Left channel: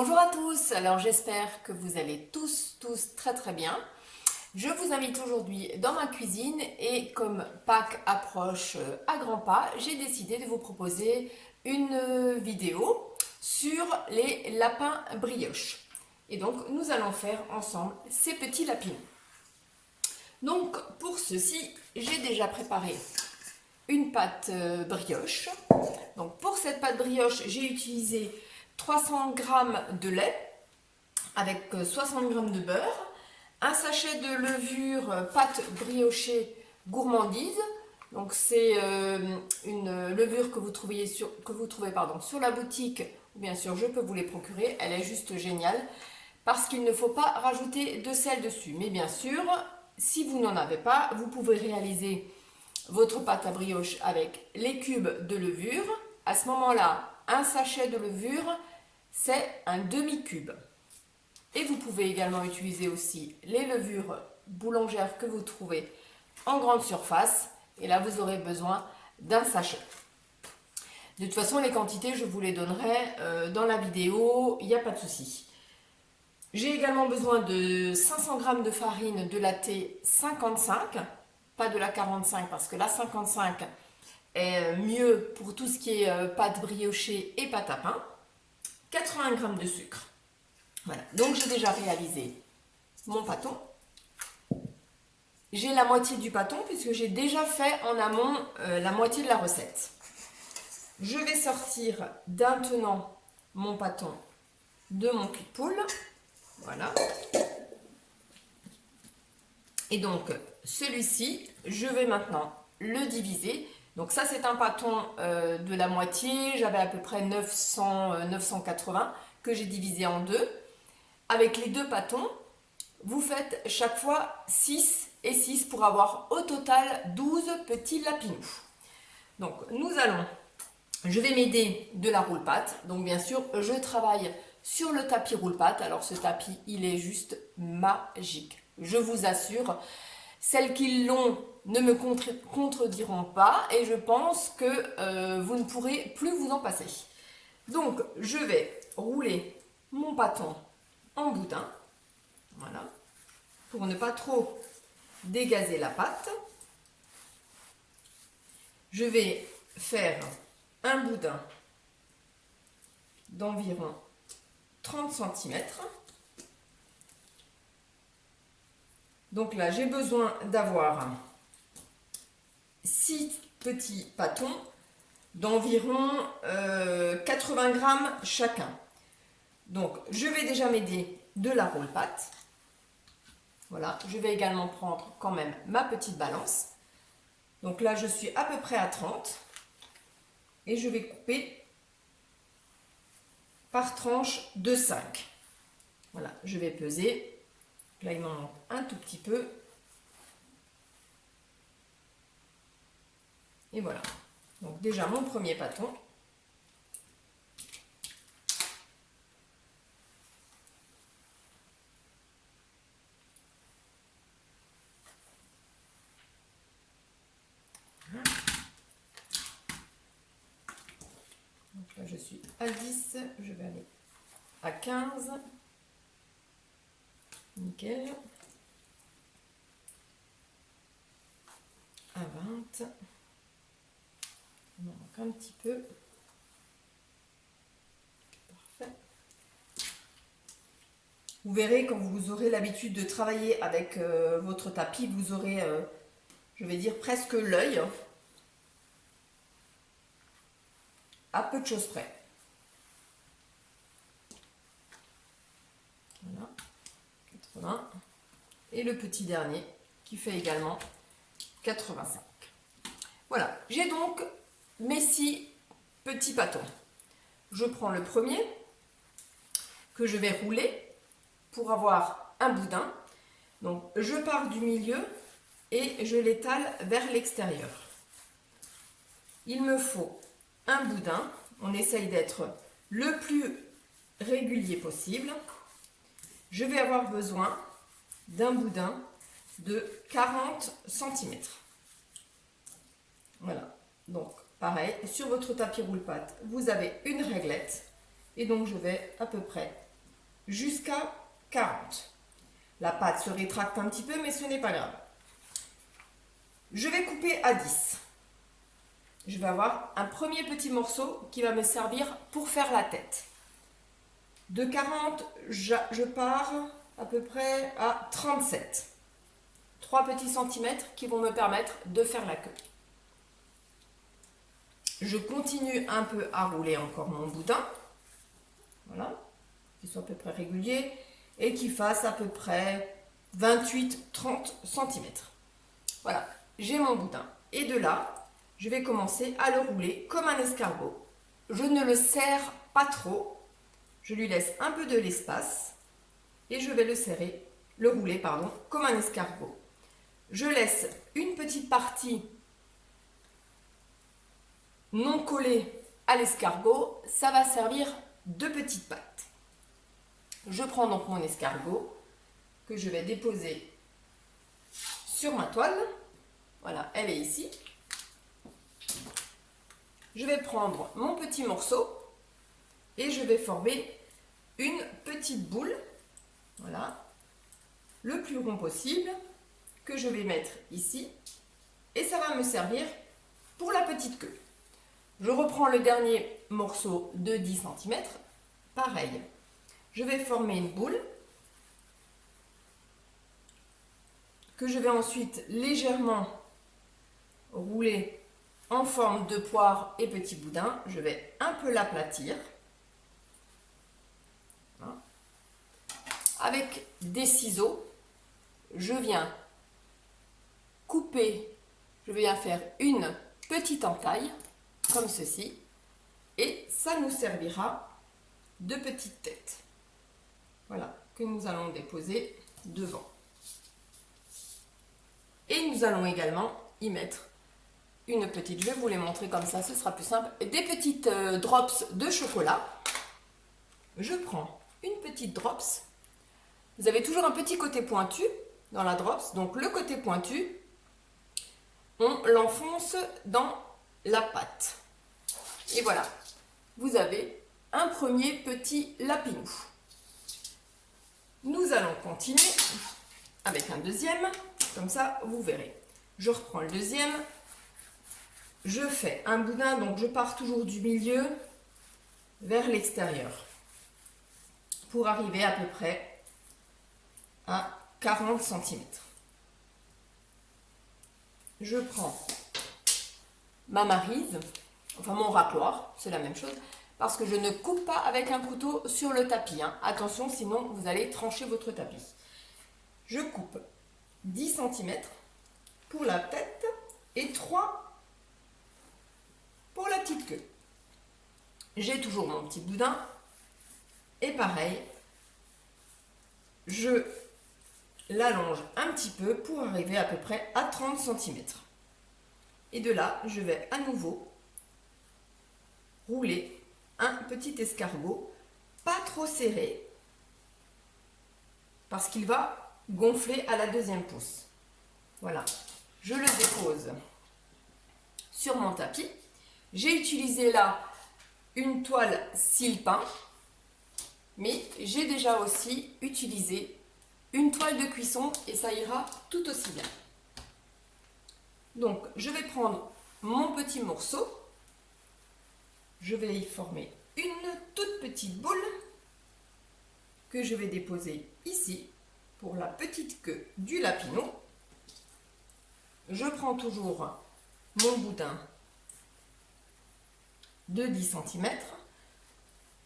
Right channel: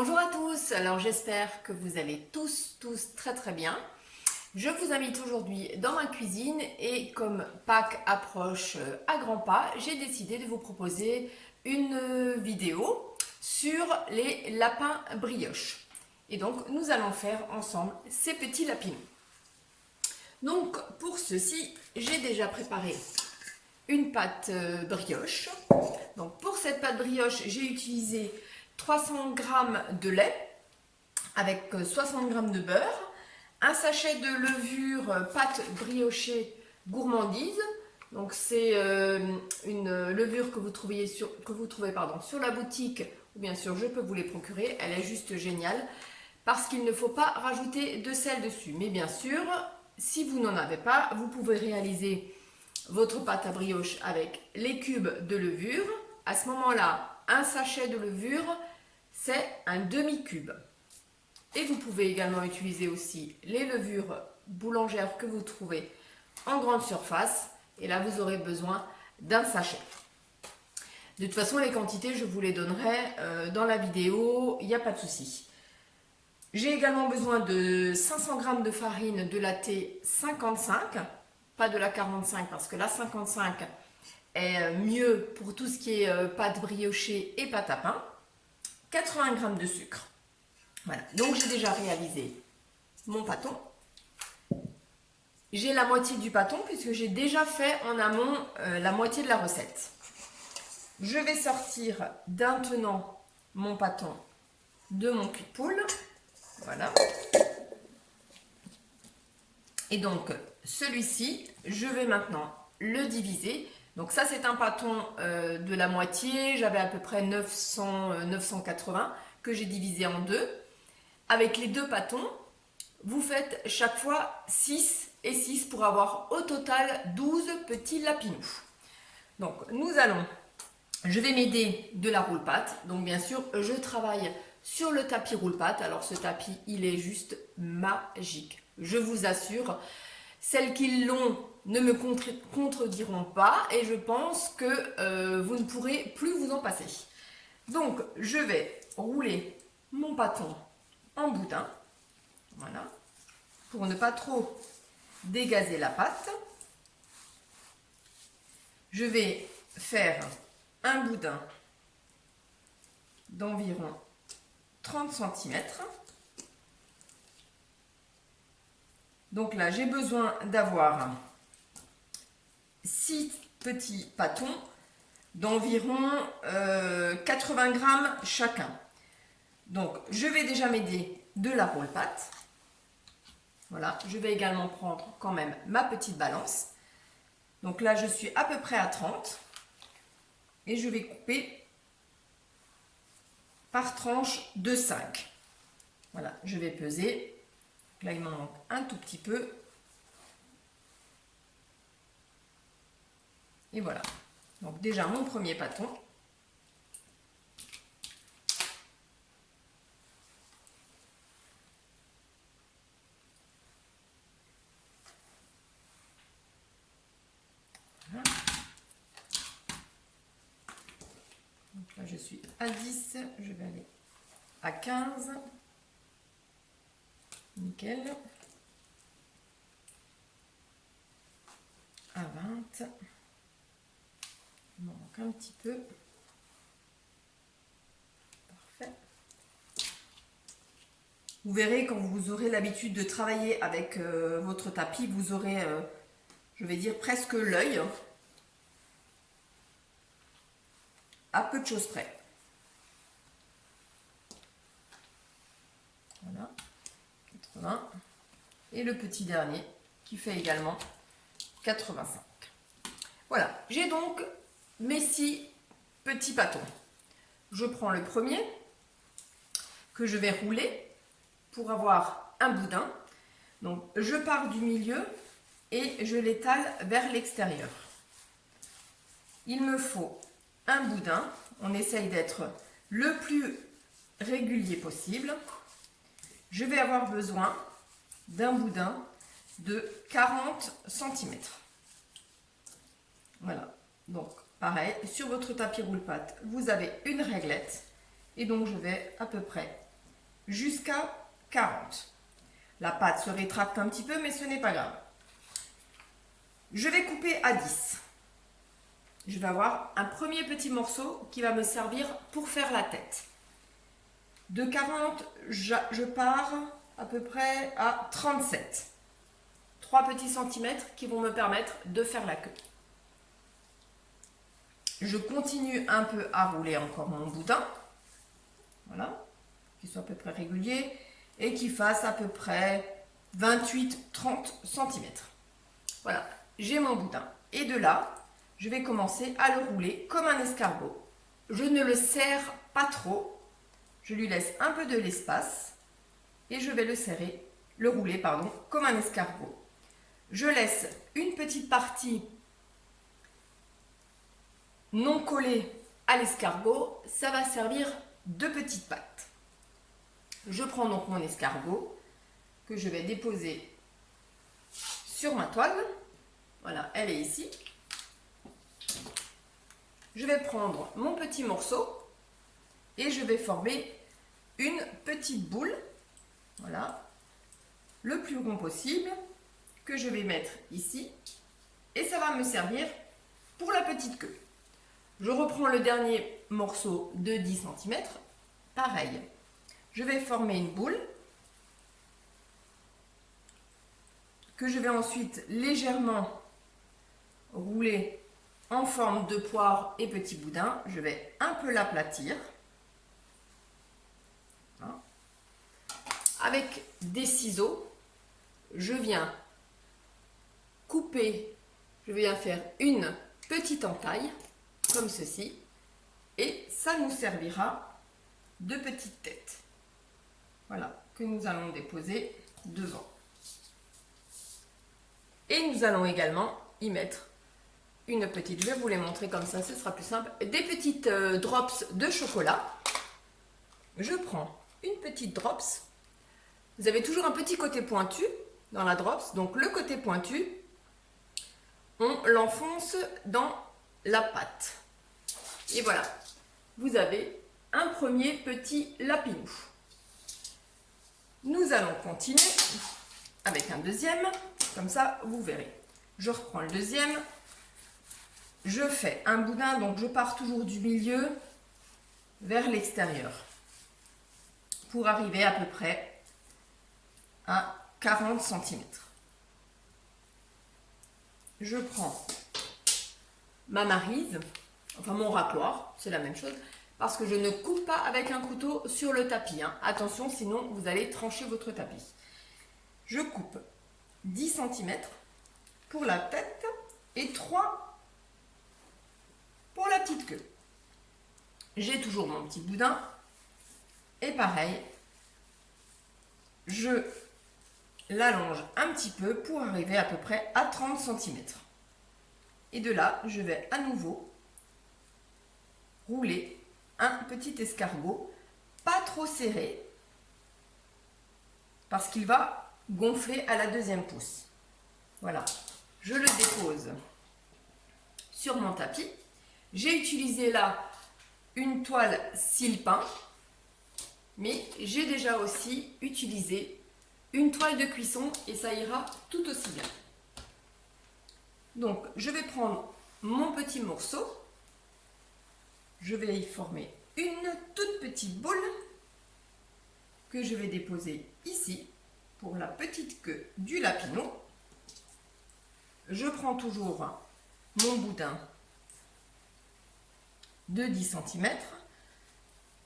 Bonjour à tous, alors j'espère que vous allez tous très bien. Je vous invite aujourd'hui dans ma cuisine et comme Pâques approche à grands pas, j'ai décidé de vous proposer une vidéo sur les lapins brioches. Et donc nous allons faire ensemble ces petits lapins. Donc pour ceci, j'ai déjà préparé une pâte brioche. Donc pour cette pâte brioche, j'ai utilisé 300 g de lait avec 60 g de beurre, un sachet de levure pâte briochée gourmandise. Donc c'est une levure que vous trouvez sur la boutique, ou bien sûr je peux vous les procurer. Elle est juste géniale parce qu'il ne faut pas rajouter de sel dessus. Mais bien sûr, si vous n'en avez pas, vous pouvez réaliser votre pâte à brioche avec les cubes de levure. À ce moment-là, un sachet de levure, c'est un demi-cube. Et vous pouvez également utiliser aussi les levures boulangères que vous trouvez en grande surface. Et là, vous aurez besoin d'un sachet. De toute façon, les quantités, je vous les donnerai dans la vidéo, il n'y a pas de souci. J'ai également besoin de 500 g de farine de la T 55, pas de la 45 parce que la 55 est mieux pour tout ce qui est pâte briochée et pâte à pain. 80 g de sucre. Voilà, donc j'ai déjà réalisé mon pâton. J'ai la moitié du pâton puisque j'ai déjà fait en amont la moitié de la recette. Je vais sortir d'un tenant mon pâton de mon cul de poule. Voilà. Et donc celui-ci, je vais maintenant le diviser. Donc ça c'est un pâton de la moitié, j'avais à peu près 980 que j'ai divisé en deux. Avec les deux pâtons, vous faites chaque fois 6 et 6 pour avoir au total 12 petits lapinous. Donc je vais m'aider de la roule-pâte. Donc bien sûr, je travaille sur le tapis roule-pâte. Alors ce tapis, il est juste magique. Je vous assure, celles qui l'ont ne me contrediront pas et je pense que vous ne pourrez plus vous en passer. Donc je vais rouler mon pâton en boudin, voilà, pour ne pas trop dégazer la pâte. Je vais faire un boudin d'environ 30 cm. Donc là, j'ai besoin d'avoir 6 petits pâtons d'environ 80 g chacun. Donc, je vais déjà m'aider de la roule-pâte. Voilà, je vais également prendre quand même ma petite balance. Donc là, je suis à peu près à 30. Et je vais couper par tranche de 5. Voilà, je vais peser. Là, il m'en manque un tout petit peu. Et voilà. Donc déjà, mon premier pâton. Donc là, je suis à 10, je vais aller à 15. Nickel. À 20. Il m'en manque un petit peu. Parfait. Vous verrez, quand vous aurez l'habitude de travailler avec votre tapis, vous aurez, je vais dire, presque l'œil. À peu de choses près. Voilà, 80. Et le petit dernier qui fait également 85. Voilà, j'ai donc mes 6 petits pâtons. Je prends le premier que je vais rouler pour avoir un boudin. Donc je pars du milieu et je l'étale vers l'extérieur. Il me faut un boudin, on essaye d'être le plus régulier possible. Je vais avoir besoin d'un boudin de 40 cm. Voilà, donc pareil, sur votre tapis roule-pâte, vous avez une réglette et donc je vais à peu près jusqu'à 40. La pâte se rétracte un petit peu, mais ce n'est pas grave. Je vais couper à 10. Je vais avoir un premier petit morceau qui va me servir pour faire la tête. De 40, je pars à peu près à 37. 3 petits centimètres qui vont me permettre de faire la queue. Je continue un peu à rouler encore mon boudin. Voilà, qu'il soit à peu près régulier et qu'il fasse à peu près 28-30 cm. Voilà, j'ai mon boudin. Et de là, je vais commencer à le rouler comme un escargot. Je ne le serre pas trop. Je lui laisse un peu de l'espace et je vais le rouler comme un escargot. Je laisse une petite partie non collée à l'escargot. Ça va servir de petite pâte. Je prends donc mon escargot que je vais déposer sur ma toile. Voilà, elle est ici. Je vais prendre mon petit morceau et je vais former une petite boule, voilà, le plus rond possible, que je vais mettre ici, et ça va me servir pour la petite queue. Je reprends le dernier morceau de 10 cm, pareil, je vais former une boule, que je vais ensuite légèrement rouler en forme de poire et petit boudin. Je vais un peu l'aplatir. Avec des ciseaux, je viens couper, je viens faire une petite entaille, comme ceci, et ça nous servira de petite tête. Voilà, que nous allons déposer devant. Et nous allons également y mettre une petite, je vais vous les montrer comme ça, ce sera plus simple, des petites drops de chocolat. Je prends une petite drops. Vous avez toujours un petit côté pointu dans la drops, donc le côté pointu, on l'enfonce dans la pâte. Et voilà, vous avez un premier petit lapinou. Nous allons continuer avec un deuxième, comme ça vous verrez. Je reprends le deuxième, je fais un boudin, donc je pars toujours du milieu vers l'extérieur pour arriver à peu près à 40 cm. Je prends ma maryse, enfin mon râpoir, c'est la même chose, parce que je ne coupe pas avec un couteau sur le tapis. Hein. Attention, sinon vous allez trancher votre tapis. Je coupe 10 cm pour la tête et 3 pour la petite queue. J'ai toujours mon petit boudin et pareil, je l'allonge un petit peu pour arriver à peu près à 30 cm. Et de là, je vais à nouveau rouler un petit escargot, pas trop serré, parce qu'il va gonfler à la deuxième pousse. Voilà, je le dépose sur mon tapis. J'ai utilisé là une toile sile-pain, mais j'ai déjà aussi utilisé une toile de cuisson et ça ira tout aussi bien. Donc, je vais prendre mon petit morceau, je vais y former une toute petite boule que je vais déposer ici pour la petite queue du lapinou. Je prends toujours mon boudin de 10 cm.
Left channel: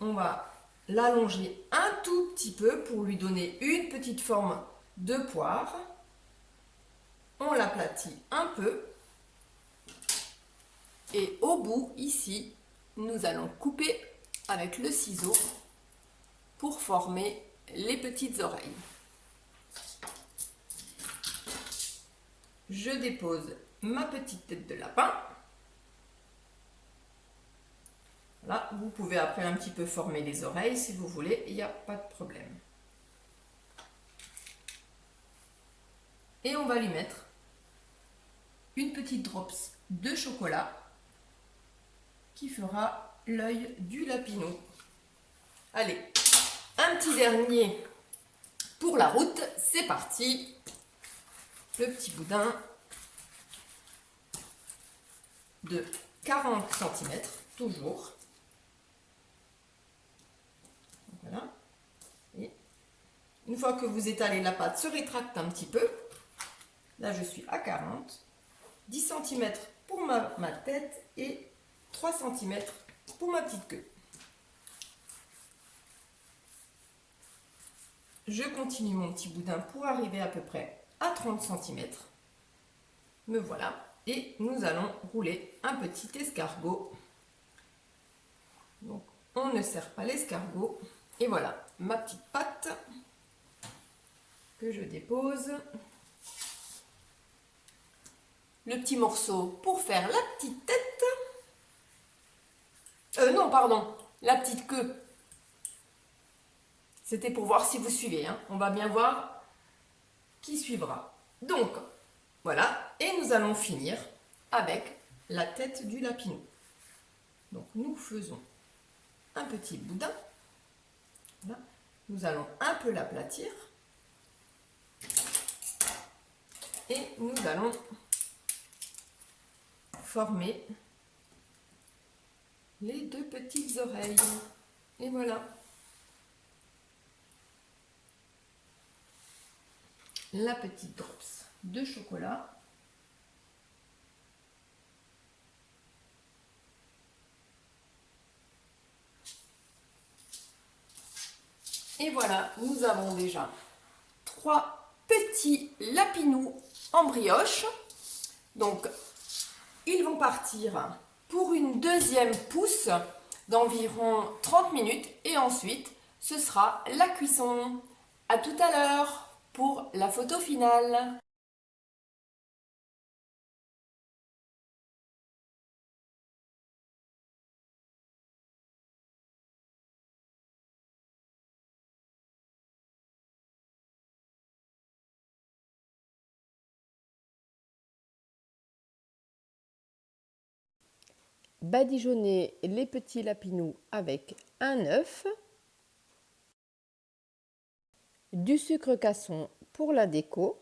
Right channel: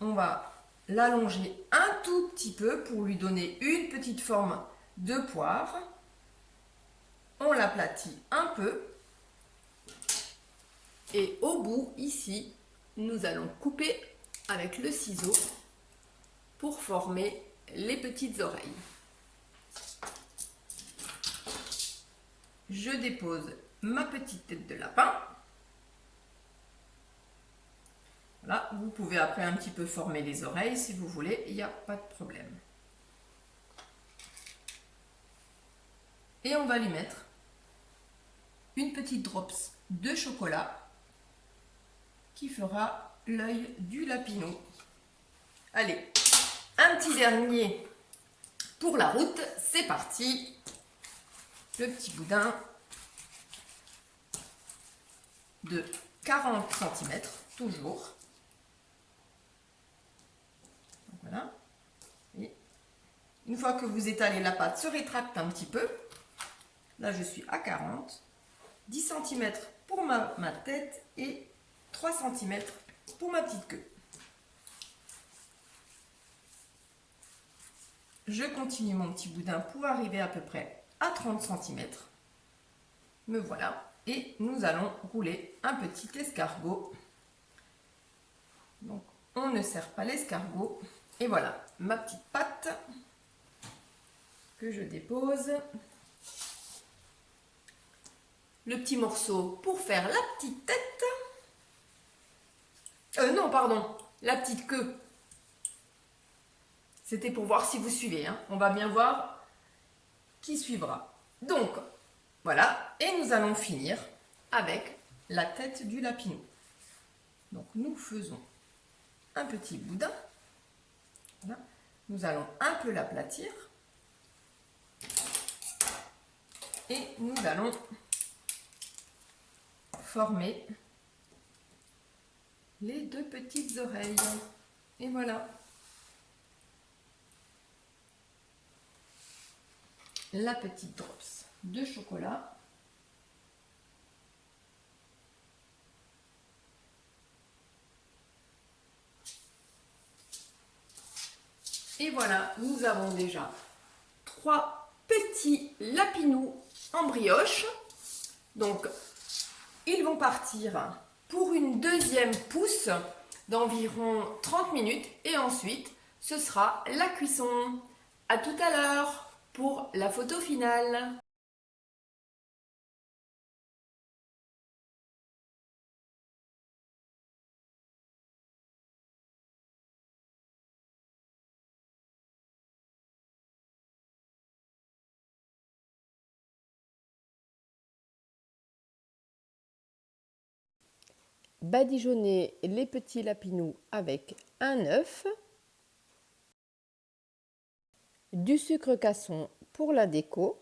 On va l'allonger un tout petit peu pour lui donner une petite forme de poire. On l'aplatit un peu. Et au bout, ici, nous allons couper avec le ciseau pour former les petites oreilles. Je dépose ma petite tête de lapin. Voilà, vous pouvez après un petit peu former les oreilles si vous voulez, il n'y a pas de problème. Et on va lui mettre une petite drops de chocolat qui fera l'œil du lapinou. Allez, Un petit dernier pour la route, c'est parti. Le petit boudin de 40 cm, toujours. Donc voilà. Et une fois que vous étalez, la pâte se rétracte un petit peu. Là, je suis à 40. 10 cm pour ma tête et 3 cm pour ma petite queue. Je continue mon petit boudin pour arriver à peu près à 30 cm. Me voilà. Et nous allons rouler un petit escargot. Donc, on ne serre pas l'escargot. Et voilà, ma petite pâte que je dépose. Le petit morceau pour faire la petite tête. Non, pardon, la petite queue. C'était pour voir si vous suivez. Hein. On va bien voir qui suivra. Donc, voilà. Et nous allons finir avec la tête du lapinou. Donc, nous faisons un petit boudin. Voilà. Nous allons un peu l'aplatir. Et nous allons former les deux petites oreilles. Et voilà. La petite drops de chocolat. Et voilà, nous avons déjà 3 petits lapinous en brioche. Donc, ils vont partir pour une deuxième pousse d'environ 30 minutes. Et ensuite, ce sera la cuisson. À tout à l'heure pour la photo finale. Badigeonner les petits lapinous avec un œuf, du sucre casson pour la déco,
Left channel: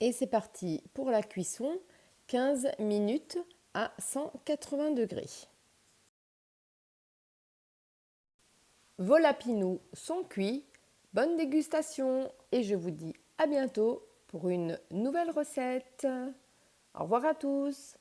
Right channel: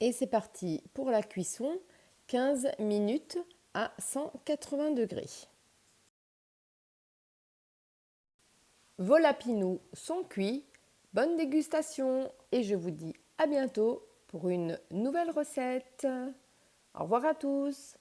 et c'est parti pour la cuisson, 15 minutes à 180 degrés. Vos lapinous sont cuits, bonne dégustation et je vous dis à bientôt pour une nouvelle recette. Au revoir à tous.